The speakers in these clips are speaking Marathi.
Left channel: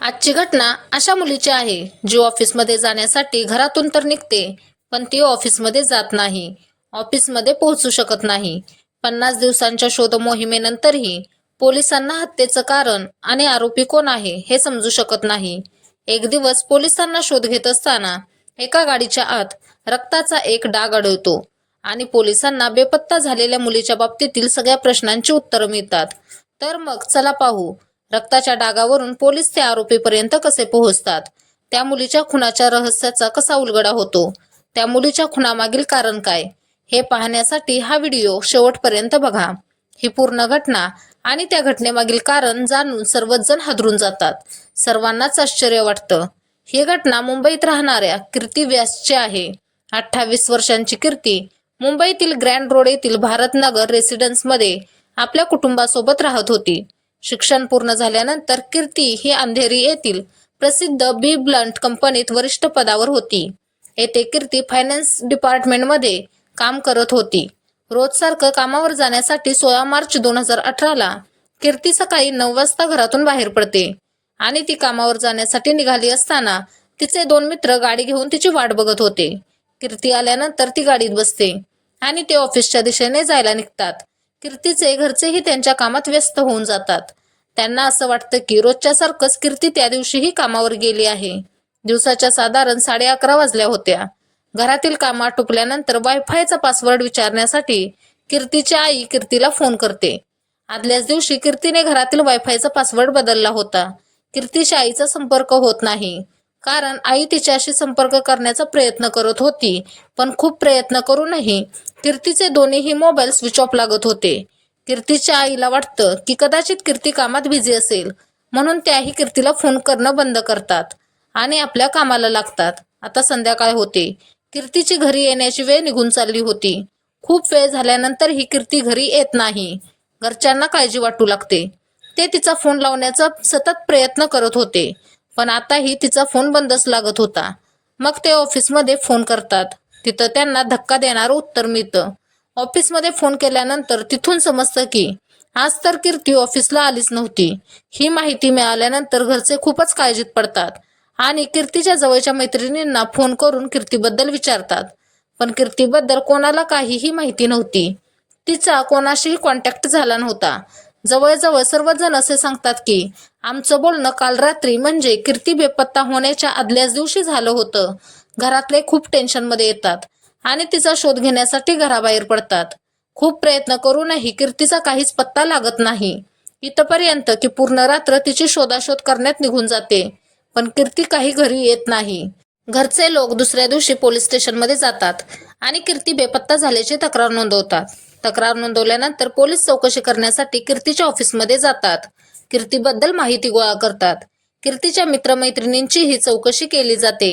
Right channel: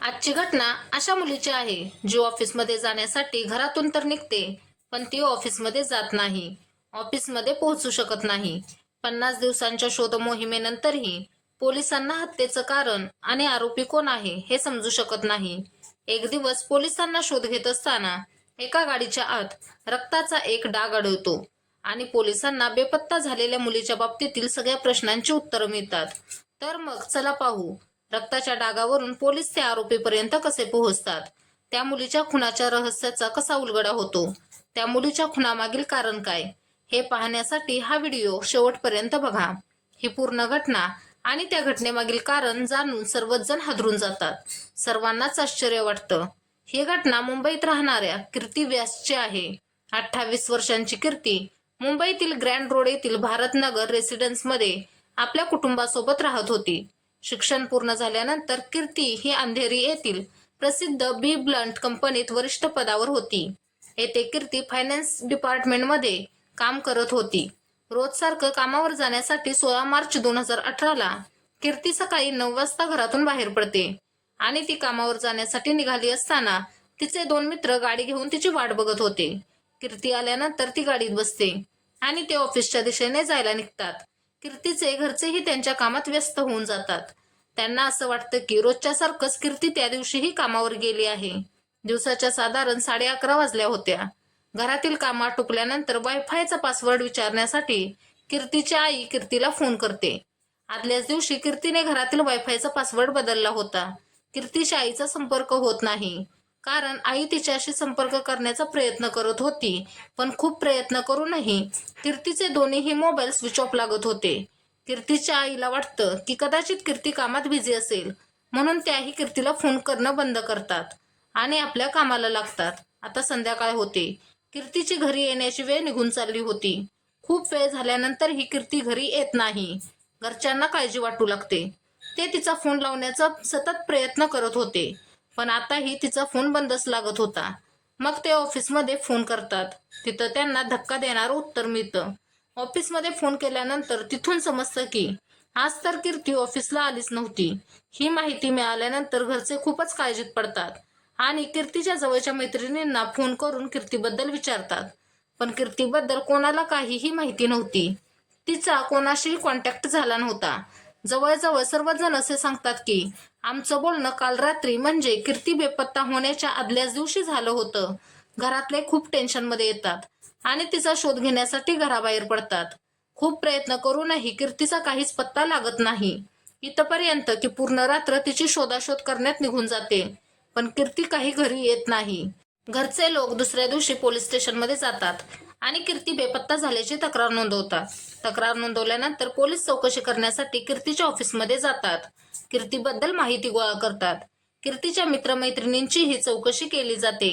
आजची घटना अशा मुलीची आहे जी ऑफिसमध्ये जाण्यासाठी घरातून तर निघते, पण ती ऑफिसमध्ये जात नाही. ऑफिसमध्ये पोहोचू शकत नाही. 50 दिवसांच्या शोध मोहिमेनंतरही पोलिसांना हत्येचं कारण आणि आरोपी कोण आहे हे समजू शकत नाही. एक दिवस पोलिसांना शोध घेत असताना एका गाडीच्या आत रक्ताचा एक डाग आढळतो आणि पोलिसांना बेपत्ता झालेल्या मुलीच्या बाबतीतील सगळ्या प्रश्नांची उत्तरं मिळतात. तर मग चला पाहू, रक्ताच्या डागावरून पोलीस त्या आरोपीपर्यंत कसे पोहोचतात, त्या मुलीच्या खुनाच्या रहस्याचा कसा उलगडा होतो, त्या मुलीच्या खुनामागील कारण काय, हे पाहण्यासाठी हा व्हिडिओ शेवटपर्यंत बघा. ही पूर्ण घटना आणि त्या घटनेमागील कारण जाणून सर्वच जण हादरून जातात. सर्वांनाच आश्चर्य वाटतं. ही घटना मुंबईत राहणाऱ्या कीर्ती व्यासची आहे. 28 वर्षांची कीर्ती मुंबईतील ग्रँड रोड येथील भारतनगर रेसिडेन्समध्ये आपल्या कुटुंबासोबत राहत होती. शिक्षण पूर्ण झाल्यानंतर कीर्ती ही अंधेरी येथील प्रसिद्ध बी ब्लंट कंपनीत वरिष्ठ पदावर होती. येथे कीर्ती फायनान्स डिपार्टमेंटमध्ये काम करत होती. रोजसारखं कामावर जाण्यासाठी 16 मार्च 2018ला कीर्ती सकाळी 9 वाजता घरातून बाहेर पडते आणि ती कामावर जाण्यासाठी निघाली असताना तिचे 2 मित्र गाडी घेऊन तिची वाट बघत होते. कीर्ती आल्यानंतर ती गाडीत बसते आणि ते ऑफिसच्या दिशेने जायला निघतात. कीर्तीचे घरचेही त्यांच्या कामात व्यस्त होऊन जातात. त्यांना असं वाटतं की रोजच्या सारखंच कीर्ती त्या दिवशीही कामावर गेली आहे. दिवसाच्या साधारण 11:30 वाजल्या होत्या. घरातील काम आटोपल्यानंतर वायफायचा पासवर्ड विचारण्यासाठी कीर्तीची आई कीर्तीला फोन करते. आदल्याच दिवशी कीर्तीने घरातील वायफायचा पासवर्ड बदलला होता. कीर्तीच्या आईचा संपर्क होत नाही, कारण आई तिच्याशी संपर्क करण्याचा प्रयत्न करत होती, पण खूप प्रयत्न करूनही कीर्तीचे दोन्हीही मोबाईल स्विच ऑफ लागत होते. कीर्तीच्या आईला वाटतं की कदाचित कीर्ती कामात बिझी असेल, म्हणून त्याही कीर्तीला फोन करणं बंद करतात आणि आपल्या कामाला लागतात. आता संध्याकाळ होते. कीर्तीची घरी येण्याची वेळ निघून चालली होती. खूप वेळ झाल्यानंतर ही कीर्ती घरी येत नाही. घरच्यांना काळजी वाटू लागते. ते तिचा फोन लावण्याचा सतत प्रयत्न करत होते, पण आताही तिचा फोन बंदच लागत होता. मग ते ऑफिसमध्ये फोन करतात. तिथं त्यांना धक्का देणारं उत्तर मिळतं. ऑफिसमध्ये फोन केल्यानंतर तिथून समजतं की आज तर कीर्ती ऑफिसला आलीच नव्हती. ही माहिती मिळाल्यानंतर घरचे खूपच काळजीत पडतात आणि कीर्तीच्या जवळच्या मैत्रिणींना फोन करून कीर्तीबद्दल विचारतात. पण कीर्तीबद्दल कोणाला काहीही माहिती नव्हती. तिचा कोणाशीही कॉन्टॅक्ट झाला नव्हता. जवळजवळ सर्वजण असे सांगतात की आमचं बोलणं काल रात्री म्हणजे कीर्ती बेपत्ता होण्याच्या आदल्याच दिवशी झालं होतं. घरातले खूप टेन्शनमध्ये येतात आणि तिचा शोध घेण्यासाठी घराबाहेर पडतात. खूप प्रयत्न करूनही कीर्तीचा काहीच पत्ता लागत नाही. इथपर्यंत की पूर्ण रात्र तिची शोधाशोध करण्यात निघून जाते, पण कीर्ती काही घरी येत नाही. घरचे लोक दुसऱ्या दिवशी पोलीस स्टेशनमध्ये जातात आणि कीर्ती बेपत्ता झाल्याची तक्रार नोंदवतात. तक्रार नोंदवल्यानंतर पोलीस चौकशी करण्यासाठी कीर्तीच्या ऑफिसमध्ये जातात. कीर्तीबद्दल माहिती गोळा करतात. कीर्तीच्या मित्रमैत्रिणींची ही चौकशी केली जाते.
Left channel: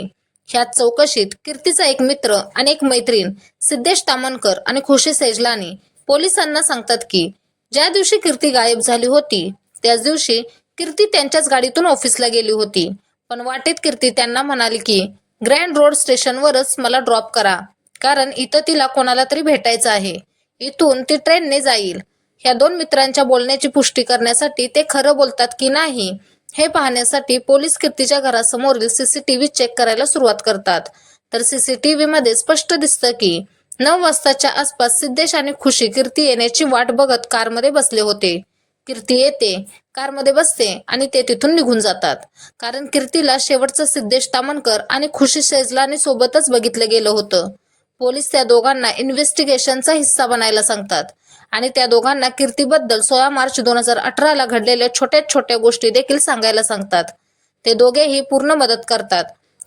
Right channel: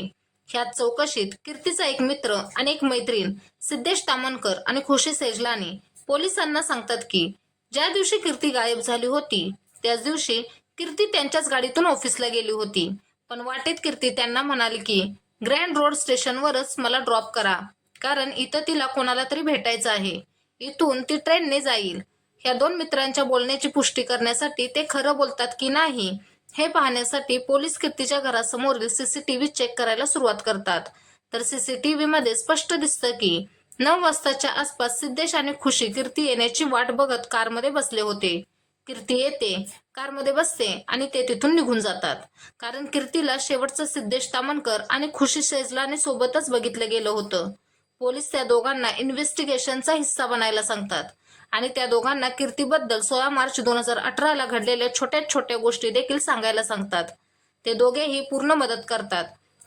ह्याच चौकशीत कीर्तीचा एक मित्र आणि एक मैत्रीण सिद्धेश तामणकर आणि खुशी सेजलानी पोलिसांना सांगतात की ज्या दिवशी कीर्ती गायब झाली होती त्याच दिवशी कीर्ती त्यांच्याच गाडीतून ऑफिसला गेली होती. पण वाटेत कीर्ती त्यांना म्हणाली की ग्रँड रोड स्टेशनवरच मला ड्रॉप करा, कारण इथं तिला कोणाला तरी भेटायचं आहे. इथून ती ट्रेनने जाईल. ह्या 2 मित्रांच्या बोलण्याची पुष्टी करण्यासाठी ते खरं बोलतात की नाही हे पाहण्यासाठी पोलीस कीर्तीच्या घरासमोरील सीसीटीव्ही चेक करायला सुरुवात करतात. तर सीसीटीव्हीमध्ये स्पष्ट दिसतं की 9 वाजताच्या आसपास सिद्धेश आणि खुशी कीर्ती येण्याची वाट बघत कारमध्ये बसले होते. कीर्ती येते, कारमध्ये बसते आणि ते तिथून निघून जातात, कारण कीर्तीला शेवटचं सिद्धेश तामणकर आणि खुशी सेजलानी सोबतच बघितलं गेलं होतं. पोलीस त्या दोघांना इन्व्हेस्टिगेशनचा हिस्सा बनायला सांगतात आणि त्या दोघांना कीर्तीबद्दल 16 मार्च 2018ला घडलेल्या छोट्या छोट्या गोष्टी देखील सांगायला सांगतात. ते दोघेही पूर्ण मदत करतात,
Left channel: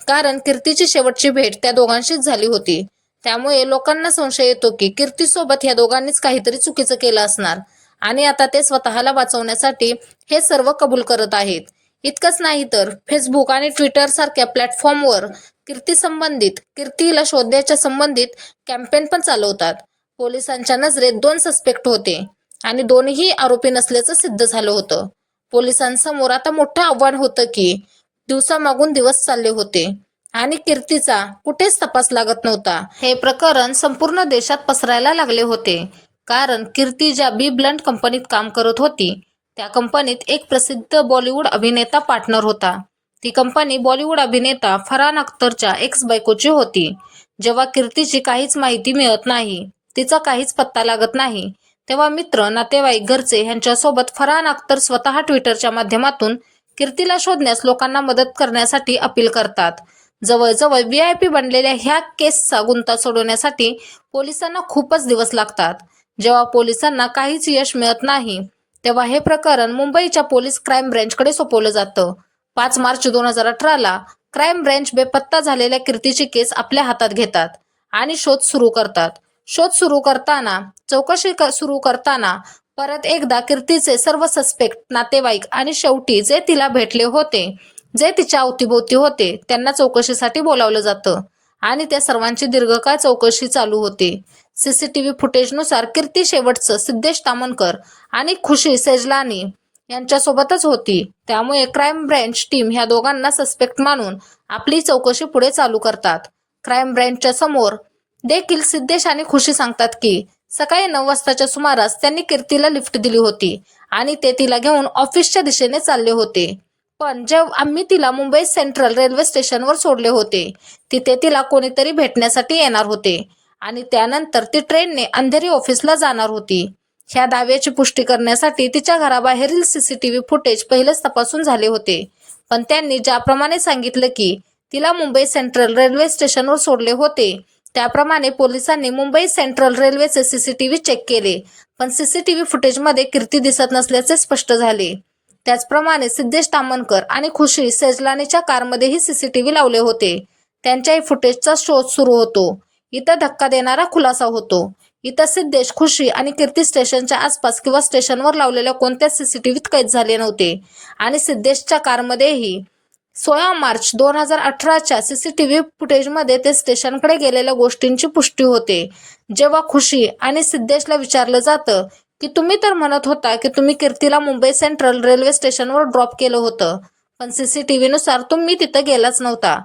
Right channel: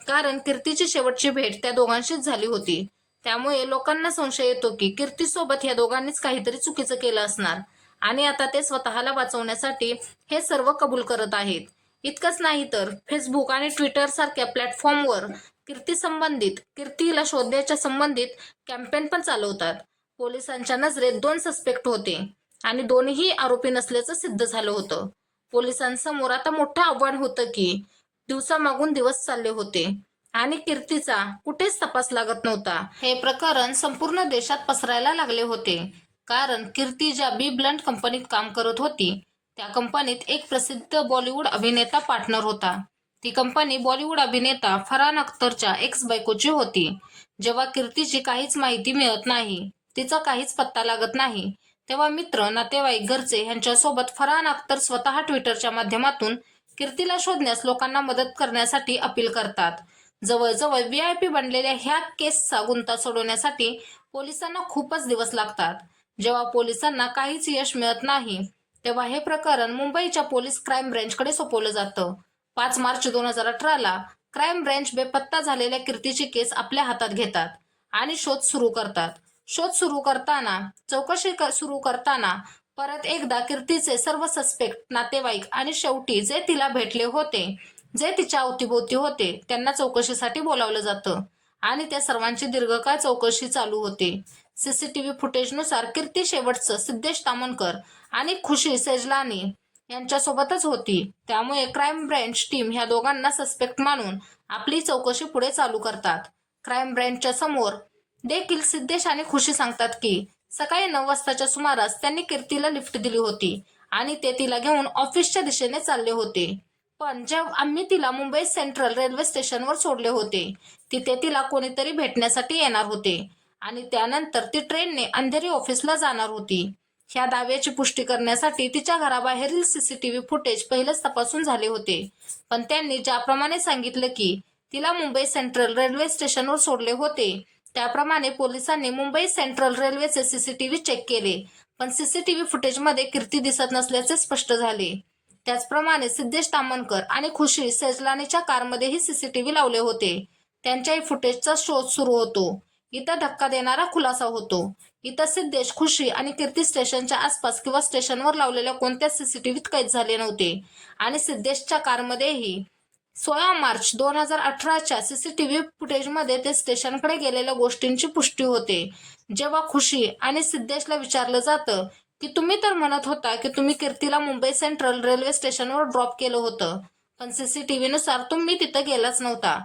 कारण कीर्तीची शेवटची भेट त्या दोघांशीच झाली होती. त्यामुळे लोकांना संशय येतो की कीर्तीसोबत ह्या दोघांनीच काहीतरी चुकीचं केलं असणार आणि आता ते स्वतःला वाचवण्यासाठी हे सर्व कबूल करत आहेत. इतकंच नाही तर फेसबुक आणि ट्विटर सारख्या प्लॅटफॉर्मवर कीर्तीला शोधण्याच्या संबंधित कॅम्पेन पण चालवतात. पोलिसांच्या नजरेत 2 सस्पेक्ट होते आणि दोन्हीही आरोपी नसल्याचं सिद्ध झालं होतं. पोलिसांसमोर आता मोठं आव्हान होतं की दिवसामागून दिवस चालले होते आणि कीर्तीचा कुठेच तपास लागत नव्हता. हे प्रकरण संपूर्ण देशात पसरायला लागले होते, कारण कीर्ती ज्या बी ब्लंट कंपनीत काम करत होती त्या कंपनीत एक प्रसिद्ध बॉलिवूड अभिनेता पार्टनर होता. ती कंपनी बॉलिवूड अभिनेता फरहान अख्तरच्या एक्स बायकोची होती. जेव्हा कीर्तीची काहीच माहिती मिळत नाही, तिचा काहीच पत्ता लागत नाही, तेव्हा मित्र, नातेवाईक, घरचे ह्यांच्यासोबत फरहान अख्तर स्वतः ट्विटरच्या माध्यमातून कीर्तीला शोधण्यास लोकांना मदत करण्यासाठी अपील करतात. जवळजवळ VIP बनलेल्या ह्या केसचा गुंता सोडवण्यासाठी पोलिसांना खूपच दिवस लागतात. जेव्हा पोलिसांना काहीच यश मिळत नाही, तेव्हा हे प्रकरण मुंबईच्या पोलीस क्राईम ब्रँचकडे सोपवलं जातं. 5 मार्च 2018ला क्राईम ब्रँच बेपत्ता झालेल्या कीर्तीची केस आपल्या हातात घेतात आणि शोध सुरू करतात. चौकशी सुरू करताना परत एकदा कीर्तीचे सर्व सस्पेक्ट, नातेवाईक आणि शेवटी जे तिला भेटले होते, जे तिच्या अवतीभोवती होते, त्यांना चौकशीसाठी बोलावलं जातं आणि त्या सर्वांची दीर्घकाळ चौकशी चालू होते. CCTV फुटेजनुसार कीर्ती शेवटचं सिद्धेश तामणकर आणि खुशी सेजलानी यांच्यासोबतच होती. त्यामुळे क्राईम ब्रँच टीम ह्या दोघांना सस्पेक्ट मानून आपली चौकशी पुढे चालू करतात. क्राईम ब्रँचच्या समोर देखील सिद्धेश आणि खुशी सांगतात की सकाळी 9 वाजताच्या सुमारास त्यांनी कीर्तीला लिफ्ट दिली होती आणि ते तिला घेऊन ऑफिसच्या दिशेने चालले होते. पण आम्ही तिला मुंबई सेंट्रल रेल्वे स्टेशनवर सोडले होते. तिथे तिला कोणीतरी भेटण्यासाठी येणार होते आणि त्यानंतर ती ट्रेनने अंधेरी ऑफिसला जाणार होती. ह्या दाव्याची पुष्टी करण्यासाठी तिच्या घराबाहेरील CCTV फुटेज पहिलेच तपासून झाले होते. पण त्यांनी ज्याप्रमाणे सांगितलं की तिला मुंबई सेंट्रल रेल्वे स्टेशनवर सोडले होते, त्याप्रमाणे पोलिसांनी मुंबई सेंट्रल रेल्वेचे CCTV चेक केले. पण CCTV फुटेजमध्ये कीर्ती दिसत नसल्याचे स्पष्ट झाले. त्याचप्रमाणे सिद्धेश तामणकर आणि खुशी सेजलानीच्या कारमध्येही CCTV लावले होते. त्यांच्याही फुटेजचा शोध सुरू होतो. इथं धक्का देणारा खुलासा होतो. इथं सिद्धेश, खुशी आणि कीर्ती स्टेशनच्या आसपास किंवा स्टेशनवर लावलेल्या कोणत्याच CCTVत कैद झाले नव्हते आणि सिद्धेशच्या कारमध्येही 16 मार्च 2018च्या CCTV फुटेजमध्ये ते स्टेशनकडे गेलेल्या गोष्टींची पुष्टी होते. जेव्हा खुशी आणि सिद्धेशला विचारलं जातं की तुम्ही तर म्हणत होता की तुम्ही कीर्तीला मुंबई सेंट्रल रेल्वे स्टेशनवर ड्रॉप केलं होतं, पण CCTVनुसार तुम्ही तिथं गेलाच नव्हता.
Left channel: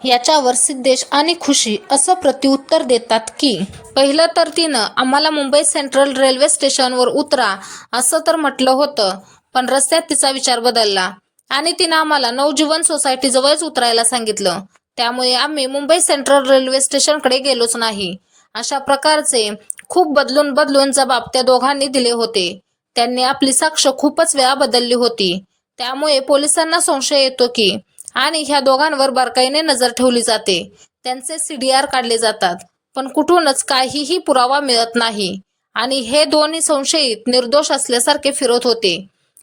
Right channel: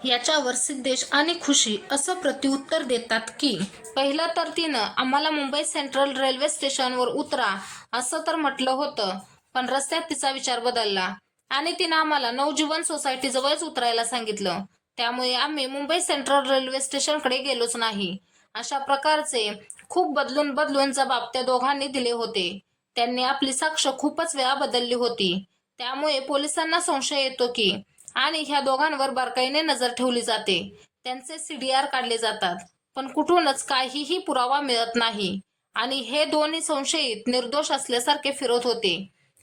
याच्यावर सिद्धेश आणि खुशी असं प्रत्युत्तर देतात की पहिलं तर तिनं आम्हाला मुंबई सेंट्रल रेल्वे स्टेशनवर उतरा असं तर म्हटलं होतं, पण रस्त्यात तिचा विचार बदलला आणि तिनं आम्हाला नवजीवन सोसायटीजवळच उतरायला सांगितलं. त्यामुळे आम्ही मुंबई सेंट्रल रेल्वे स्टेशनकडे गेलोच नाही. अशा प्रकारचे खूप बदलून जबाब त्या दोघांनी दिले होते. त्यांनी आपली साक्ष खूपच वेळा बदलली होती. त्यामुळे पोलिसांना संशय येतो की आणि ह्या दोघांवर बारकाईने नजर ठेवली जाते. त्यांचे CDR काढले जातात, पण कुठूनच काहीही पुरावा मिळत नाही आणि हे दोन्ही संशयित निर्दोष असल्यासारखे फिरत होते.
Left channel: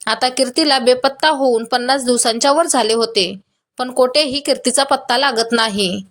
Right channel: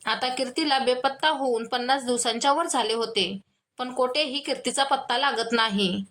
आता कीर्तीला बेपत्ता होऊन 50 दिवसांच्या वर झाले होते, पण कोठेही कीर्तीचा पत्ता लागत नाही.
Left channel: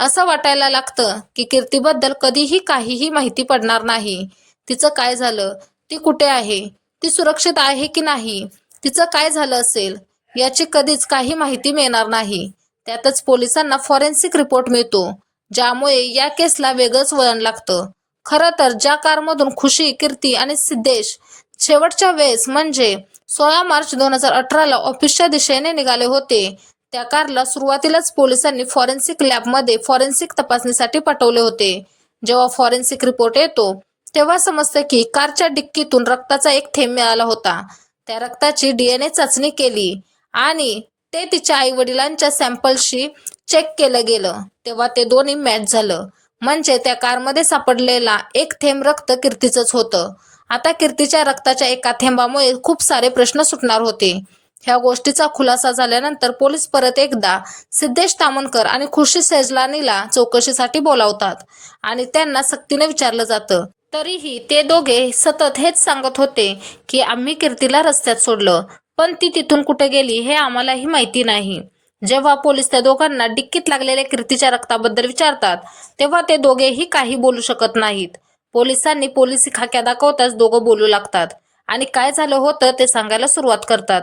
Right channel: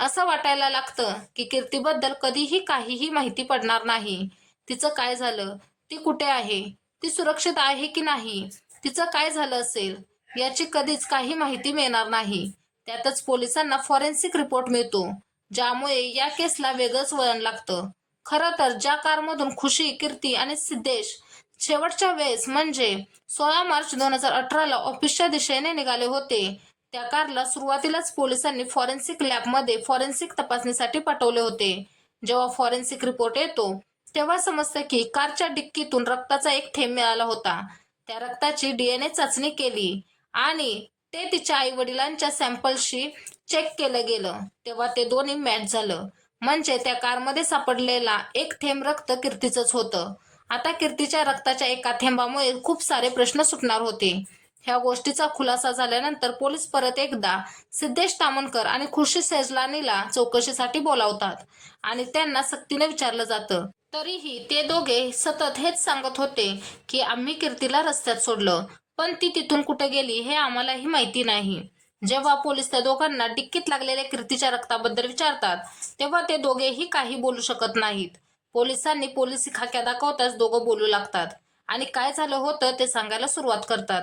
असं वाटायला लागतं की कीर्तीबद्दल कधीही काहीही माहिती पडणार नाही. तिचं काय झालं, ती कुठे आहे, ती सुरक्षित आहे की नाही, तिचं काय झालं असेल याची कधीच काही माहिती मिळणार नाही. त्यातच पोलिसांना फॉरेन्सिक रिपोर्ट मिळतो, ज्यामुळे या केसला वेगळंच वळण लागतं. खरं तर ज्या कारमधून खुशी, कीर्ती आणि सिद्धेश शेवटच्या वेळेस म्हणजे 16 मार्च 2018ला ऑफिसच्या दिशेने निघाले होते, त्या कारला सुरुवातीलाच पोलिसांनी फॉरेन्सिक लॅबमध्ये फॉरेन्सिक तपासणीसाठी पाठवले होते. जेव्हा फॉरेन्सिक रिपोर्ट येतो तेव्हा समजतं की कारच्या डिक्कीतून रक्ताचा एक थेंब मिळाला होता. त्या रक्ताची DNA चाचणी केली आणि ते तिच्या आईवडिलांच्या सॅम्पलशी चेक केलं गेलं, तेव्हा ते दोन्ही मॅच झालं. म्हणजे त्या कारमध्ये सापडलेला एक थेंब रक्त कीर्तीचंच होतं. आता कीर्तीच्या रक्ताच्या एका थेंबामुळे खूप सारे प्रश्न सुटणार होते. ह्या गोष्टीचा खुलासा झाल्यानंतर पोलीस परत एकदा सिद्धेश तामणकर आणि खुशी सेजलानीला चौकशीसाठी बोलावतात आणि त्यांना सक्तीने विचारलं जातं. तरीही ते दोघे सतत हेच सांगत होते की आम्ही कीर्तीला रस्त्यात सोडलं, पण ती तिथून कुठे गेली हे आम्हालाही माहिती नाही. जेव्हा पोलीस त्या दोघांना डिक्कीत लागलेल्या कीर्तीच्या रक्ताबद्दल विचारतात, तेव्हा ते दोघेही काही बोलू शकत नाहीत. पोलिसांनी पोलिसी खाक्या दाखवताच दोघं बोलू लागतात आणि काय झालं होतं ते सांगायला सुरुवात करतात.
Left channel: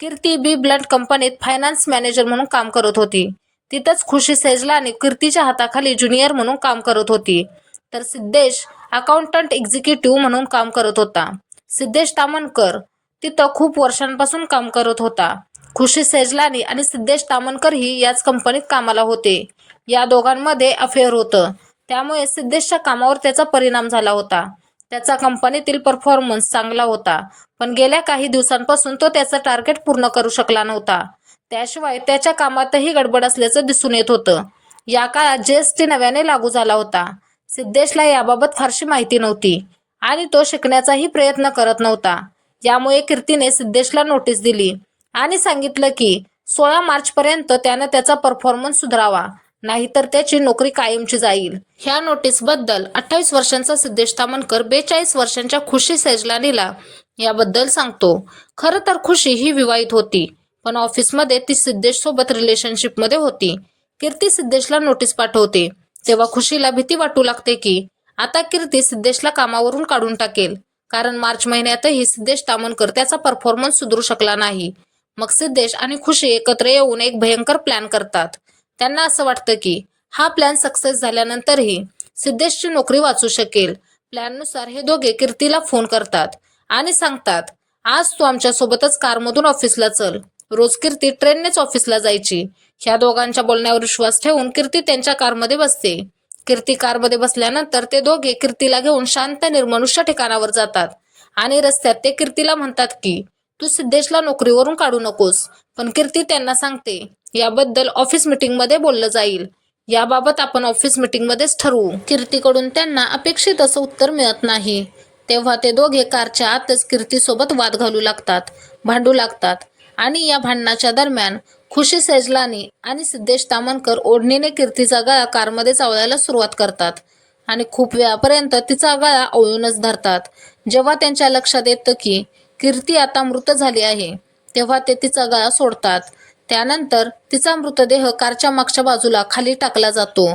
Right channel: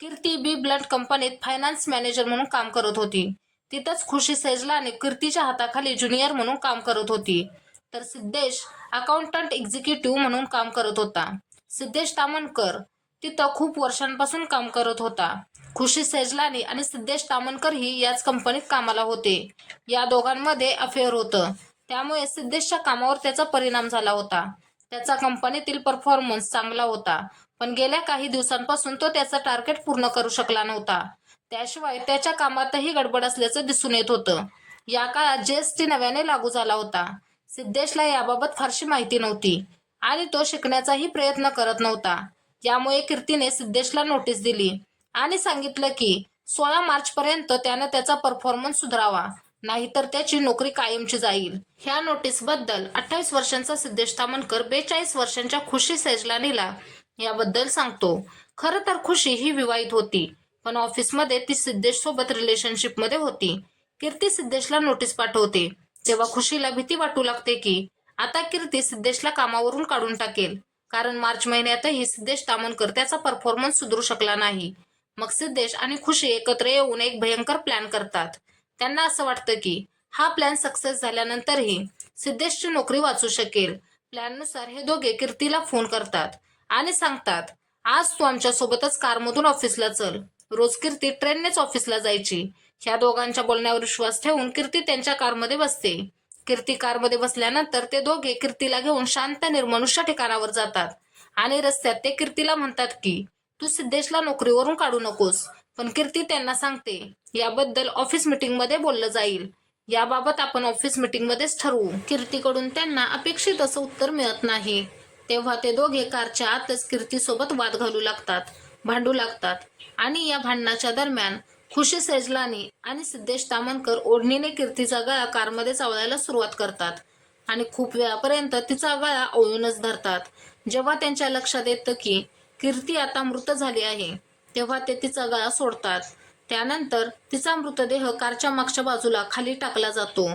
कीर्ती बी ब्लड कंपनीत फायनान्स मॅनेजर म्हणून काम करत होती. तिथंच खुशी सेजलानी कीर्तीच्या हाताखाली ज्युनियर म्हणून काम करत होती, तर सिद्धेश अकाउंटंट एक्झिक्युटिव्ह म्हणून काम करत होता. सिद्धेश तामणकर तिथं खूप वर्षांपासून काम करत होता. खुशी सेजलानी आणि सिद्धेश तामणकरही याच कंपनीत कामाला होते. या दोघांमध्ये अफेअर होतं, त्यामुळे सिद्धेशच्या कामावर त्याचा परिणाम झाला होता. त्याचा कंपनीतील परफॉर्मन्स चांगला होता, पण गेल्या काही दिवसांपासून तो त्याचं टार्गेट पूर्ण करू शकला नव्हता. त्याशिवाय त्याच्या कामातही गडबड असल्याचं दिसून येत होतं. या काळात जीएसटी नव्याने लागू झाला होता. सिद्धेशला याबाबत फारशी माहिती नव्हती आणि तो शिकण्याचाही प्रयत्न करत नव्हता. यामुळे कीर्तीने सिद्धेशला नोटीस दिली आणि सांगितलं की 16 मार्चपर्यंत त्यानं त्याचा परफॉर्मन्स सुधारावा, नाहीतर त्याची नोकरी कायमची जाईल. ह्या नोटीसबद्दल 28 वर्षांचा सिद्धेश तामणकर 42 वर्षांच्या खुशी सेजलानीला याबद्दल सांगतो. खरं तर खुशी ही विवाहित होती, पण ऑफिसमध्ये ती सिद्धेश सोबत रिलेशनशिपमध्ये होती. कीर्ती सिद्धेशला नोटीस पाठवते तेव्हा खुशीला भीती वाटू लागते की आता कीर्ती सिद्धेशला कामावरून काढून टाकेल, कारण मार्च महिन्यातही सिद्धेश तामणकर त्याचा परफॉर्मन्स सुधारू शकला नाही. मग सिद्धेश आणि खुशी एकत्र येऊन एक भयंकर प्लॅन करतात. त्यांना असं वाटतं की हा प्लॅन सक्सेस झाल्यानंतरही सिद्धेशची नोकरी वाचू शकेल. प्लॅननुसार हे दोघे कीर्तीला फोन करतात आणि सांगतात, आज तू आमच्यासोबतच कारमधून ऑफिसला चल. रोज कीर्ती ट्रेननेच ऑफिसला जायची. ह्या दोघांच्या बोलण्यावर विश्वास ठेवून कीर्ती त्यांच्या कारमध्ये बसते. कीर्ती कारमध्ये बसल्यानंतर ते दोघे कीर्तीला घेऊन शांत निर्मनुष्य ठिकाणावर जातात आणि रस्त्यात ते कीर्तीला म्हणतात की तू सिद्धेशला नोकरीवरून काढू नकोस. पण कीर्ती त्यांना सांगते, याबद्दल ऑफिस मीटिंगमध्ये बोललं जाईल. याबाबत आपण ऑफिस मीटिंगमध्येच ठरवू. कीर्तीकडून त्यांना अपेक्षित असं उत्तर मिळत नाही. तेव्हा ते दोघे कारच्या आतच कीर्तीसोबत वाद घालू लागतात, भांडू लागतात आणि या भांडणाच्या दरम्यान खुशी सेजलानी आणि सिद्धेश तामणकर ओढणीने कीर्तीचा गळा कारमध्ये चावळायला सुरुवात करतात आणि खूप वेळापर्यंत तिचा गळा आवळूनच धरतात. जेव्हा त्यांच्या लक्षात येतं की कीर्ती आता मृत झाली आहे, तेव्हा ते तिचा गळा सोडतात. त्यानंतर तिचा मृतदेह कारच्या मागच्या बाजूला खाली टाकला जातो.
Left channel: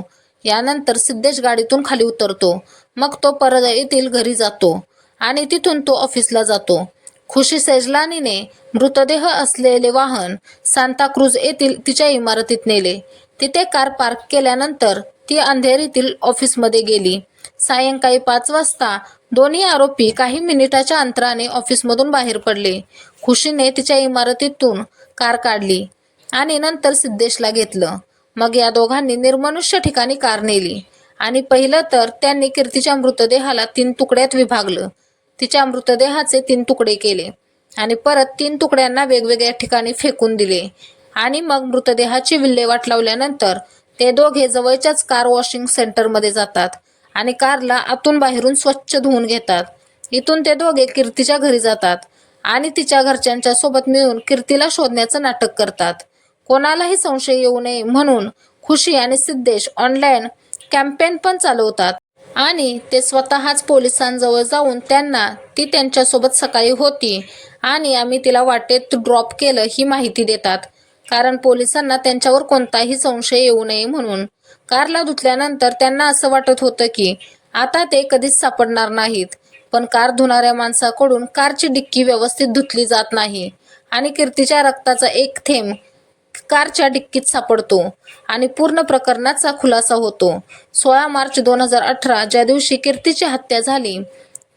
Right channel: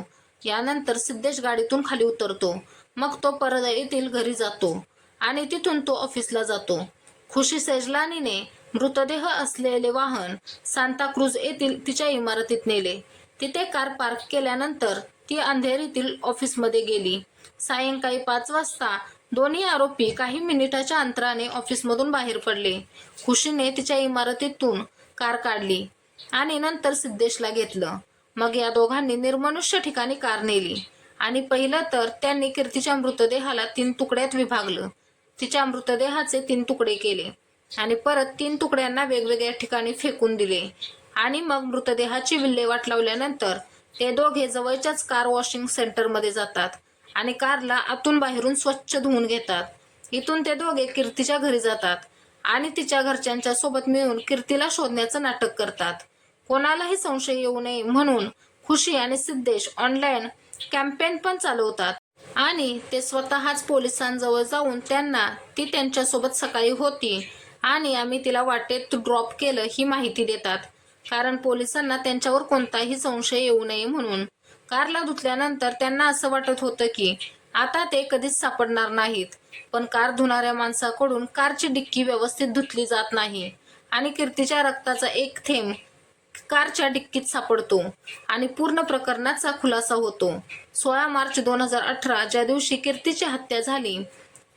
यानंतर सिद्धेश गाडीतून खाली उतरतो. मग तो परळीतील घरी जातो आणि तिथून तो ऑफिसला जातो. खुशी सेजलानीने मृतदेह असलेले वाहन सांताक्रूज येथील तिच्या इमारतीत नेले. तिथे कार पार्क केल्यानंतर ती अंधेरीतील ऑफिसमध्ये गेली. सायंकाळी 5 वाजता दोन्ही आरोपी काही मिनिटाच्या अंतराने ऑफिसमधून बाहेर पडले. खुशीने तिच्या इमारतीतून कार काढली आणि नंतर सिद्धेशला घेतलं. मग या दोघांनी निर्मनुष्य ठिकाणी कार नेली आणि पहिलं तर त्यांनी कीर्तीच्या मृतदेहाला 3 तुकड्यात विभागलं. तिच्या मृतदेहाचे 3 तुकडे केले आणि परत 3 तुकड्यांना वेगवेगळ्या ठिकाणी फेकून दिले आणि मग मृतदेहाची विल्हेवाट लावल्यानंतर ते दोघे जवळच्याच कार वॉशिंग सेंटरमध्ये जातात आणि कारला आतून बाहेरून स्वच्छ धुवून घेतात. इथून ते दोघे कीर्तीच्या घरी जातात आणि तिच्या घरच्यांच्या सोबत मिळून कीर्तीला शोधण्याचं नाटक करतात. कोणालाही संशय येऊ नये म्हणून खुशी आणि सिद्धेश ऑनलाईन कॅम्पेन पण चालवतात आणि ते स्वतःच पोलिसांजवळ जाऊन त्यांना ती त्यांच्यासोबत सकाळी होती आणि आम्ही तिला वाटेत ड्रॉप केलं ही माहिती देतात, कारण पोलिसांना त्यांच्यावर कोणताही संशय येऊ नये म्हणून. कारला धुतल्यानंतर त्यांना असं वाटत होतं की आता ते कधीच सापडणार नाहीत, पण कार धुणाऱ्या माणसाकडून कारची डिक्की व्यवस्थित धुतली जात नाही आणि कीर्तीच्या रक्ताचा एक थेंब कारच्या डिक्कीत सापडतो आणि पूर्ण प्रकरणाचा खुलासा होतो. 16 मार्च 2018 ज्या दिवशी कीर्तीची हत्या झाली,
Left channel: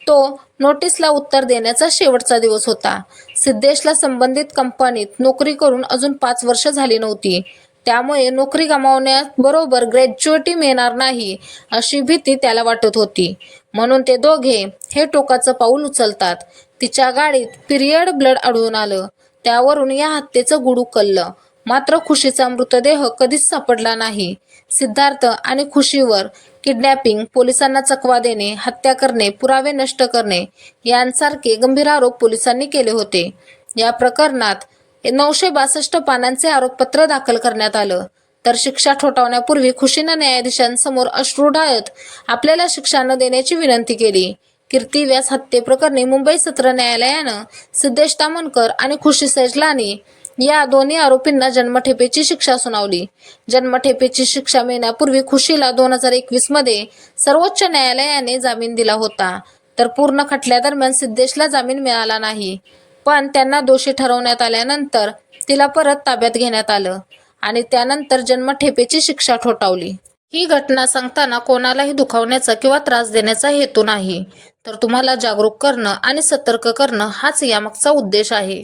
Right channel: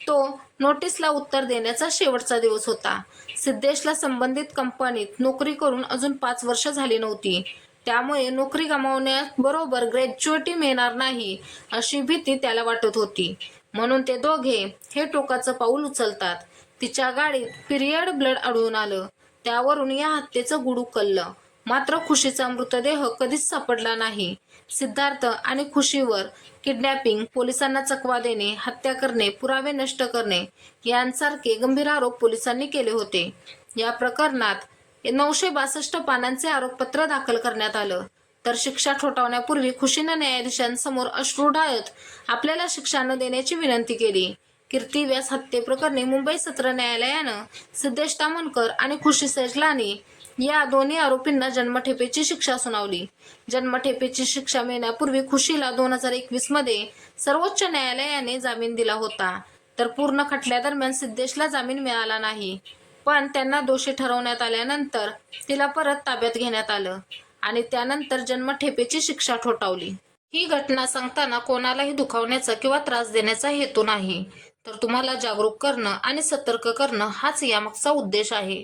तो नोटीसला उत्तर देण्याचा शेवटचा दिवस होता. सिद्धेशला संबंधित कंपनीत नोकरी करून अजून 5 वर्ष झाली नव्हती. त्यामुळे नोकरी गमावण्याबरोबर ग्रॅज्युएटी मिळणार नाही अशी भीती त्याला वाटत होती. म्हणून ते दोघे हे टोकाचं पाऊल उचलतात. तिच्या गाडीत पिरियड ब्लड आढळून आलं. त्यावरून या हत्येचं गुढ उकललं. मात्र खुशीचा मृतदेह कधीच सापडला नाही. सिद्धार्थ आणि खुशीवर किडनॅपिंग, पोलिसांना चकवा देणे, हत्या करणे, पुरावे नष्ट करणे यांसारखे गंभीर आरोप पोलिसांनी केले होते. या प्रकरणात 962 पानांचे आरोपपत्र दाखल करण्यात आलं. तर शिक्षा ठोठावण्यापूर्वी खुशीनं न्यायाधीशांसमोर अश्रू ढाळत आपल्याला शिक्षा न देण्याची विनंती केली. कीर्ती व्यास हत्येप्रकरणी मुंबई सत्र न्यायालयानं सिद्धेश तामणकर आणि खुशी सेजलानी या दोन्ही आरोपींना जन्मठेपेची शिक्षा सुनावली. जन्मठेपेची शिक्षा मिळण्यापूर्वी खुशीला 2021 मध्ये सर्वोच्च न्यायालयाने जामीन दिला होता. तर पूर्ण खटल्यादरम्यान सिद्धेशला जामीन मिळाला नाही, पण त्यांना दोषी ठरवण्यात आल्यानंतर तिला परत ताब्यात घेण्यात आलं आणि त्यानंतर जन्मठेपेची शिक्षा ठोठावली. ही घटना सांगताना कोणालाही दुखावण्याचा किंवा त्रास देण्याचा हेतू नाही, तर तुम्हाला जागरूक करणं आणि सतर्क करणं हाच यामागचा उद्देश आहे.